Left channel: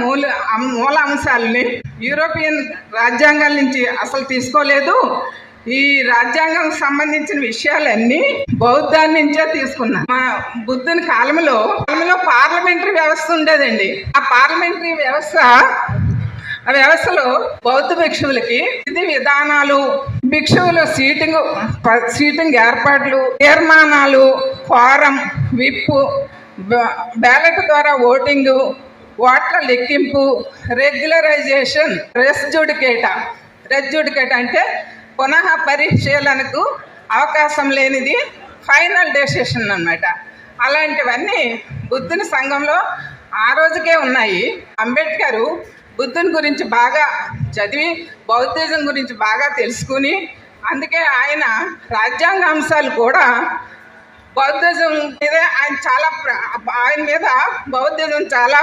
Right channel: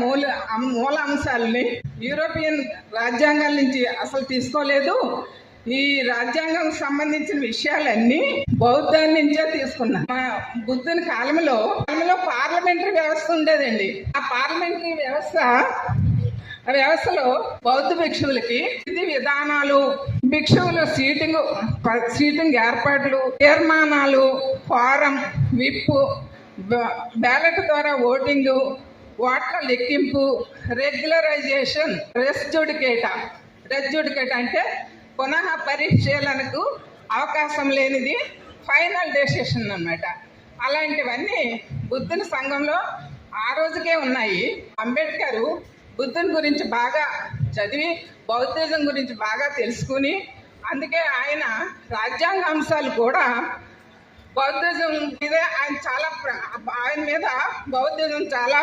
మూల మూల అంశాలని యూరోపియన్ రాజ్యాంగాల నుంచి అసలు తీసుకోలేదు. ఈ రాజ్యాంగం సంబంధించిన విషయాలన్నీ బౌద్ధాన్ని నుంచే తీసుకున్నా. మా బుద్ధుని కాలంలో కాలంలో పార్లమెంటరీ వ్యవస్థ ఉండేదండి. ఆ పార్లమెంటరీ వ్యవస్థ ఆ వ్యవస్థలో బౌద్ధ భిక్షువులకి ఇది విధానాలు భిక్షువుల సీటింగ్ సీటింగ్ ఏర్పాట్లు తీర్మానాలు ఫారం విప్పు బ్యాలెట్ ద్వారా ఓటింగు ఓట్ల లెక్కింపు? రెగ్యులరైజేషన్ రెస్ జుడికేట రెస్ అంటే పునః పరిశీలనకు అవకాశం లేనిది ఫైనల్ డెసిషన్ అన్నమాట. అలాంటివన్నీ బుద్ధుని సంఘంలో ఆ రోజుకే ఉన్నాయి. అంబేద్కర్ బుద్ధుని గురించి బాగా చదివి బౌద్ధిజం గురించి బాగా తెలుసుకుని అందుకే ఆయన రాజ్యాంగ అంశాలు కూడా బౌద్ధిజం మీద ఆయన చాలా ఆయన మీద బౌద్ధిజం చాలా